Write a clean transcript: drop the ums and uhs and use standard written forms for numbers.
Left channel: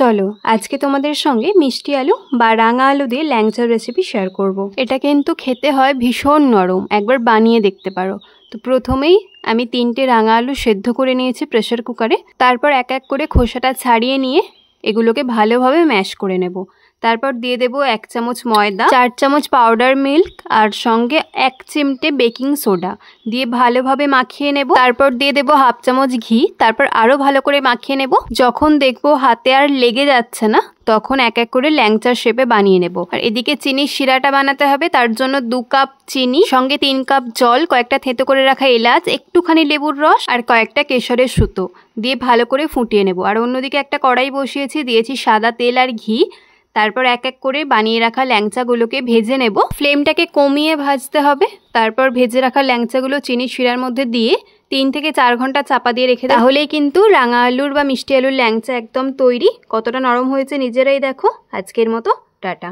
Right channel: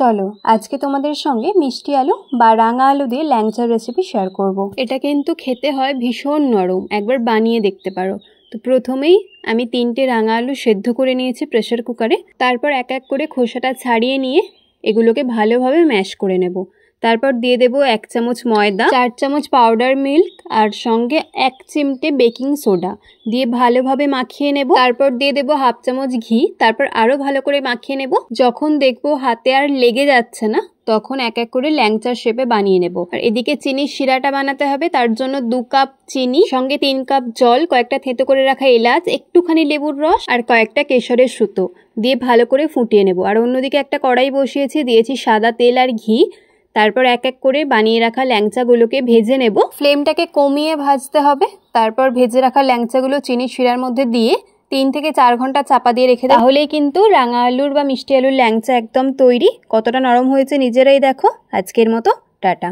চলো আজকে তোমাদের সঙ্গে মিষ্টি আলু বা রাঙা আলু দিয়ে ল্যাংচার রেসিপি শেয়ার করব। এটা কিন্তু খেতে হয় ভীষণ নরম, একবার বানিয়ে দেখতে পারো। তো প্রথমেই আমি 3টে রাঙা আলু সেদ্ধ করে নিয়েছি প্রেসার কুকারে। তারপর এক এক করে খোসাটা ছাড়িয়ে নিয়ে এগুলোকে ভালোভাবে ম্যাশ করে নেব। তারপর দিয়ে দেব 1 চামচ ময়দা, 4 চামচ পাউডার মিল্ক আর সঙ্গে 1 চিমটে বেকিং সোডা দিয়ে ভালোভাবে মাখিয়ে নেব। তারপর দিয়ে দেব 1/2 চামচ ঘি। তারপর আরও ভালো করে মাখিয়ে নেব। যখন দেখবো হাতে আর লেগে যাচ্ছে না তখন এক এক করে ল্যাংচার শেপে বানিয়ে নেব। আর এদিকে চিনির শিরাটা বানাতে হবে, তার জন্য 2 কাপ চিনি, সঙ্গে 3 কাপ জল, কয়েকটা থেঁতো করে রাখা এলাচ, একটুখানি লেবুর রস আর কয়েকটা কেশরের সুতো দিয়ে ভালো করে ফুটিয়ে নেব। আর অন্যদিকে একটা কড়াই বসিয়েছি, দিয়েছি সাদা তেল আর ঘি। তারপর এক এক করে বানিয়ে রাখা ল্যাংচাগুলোকে ভেজে নেব। ফ্লেমটাকে কমিয়ে ভাজতে হবে। তারপর ভেজে রাখা ল্যাংচাগুলো চিনির শিরার মধ্যে দিয়ে 3 থেকে 4 ঘন্টা চাপা দিয়ে রেখে দেব। তাহলেই কিন্তু রাঙা আলুর বা মিষ্টি আলুর ল্যাংচা একদম তৈরি। কতটা নরম হয়েছে নিজেরাই দেখো। আজকের মতো টাটা।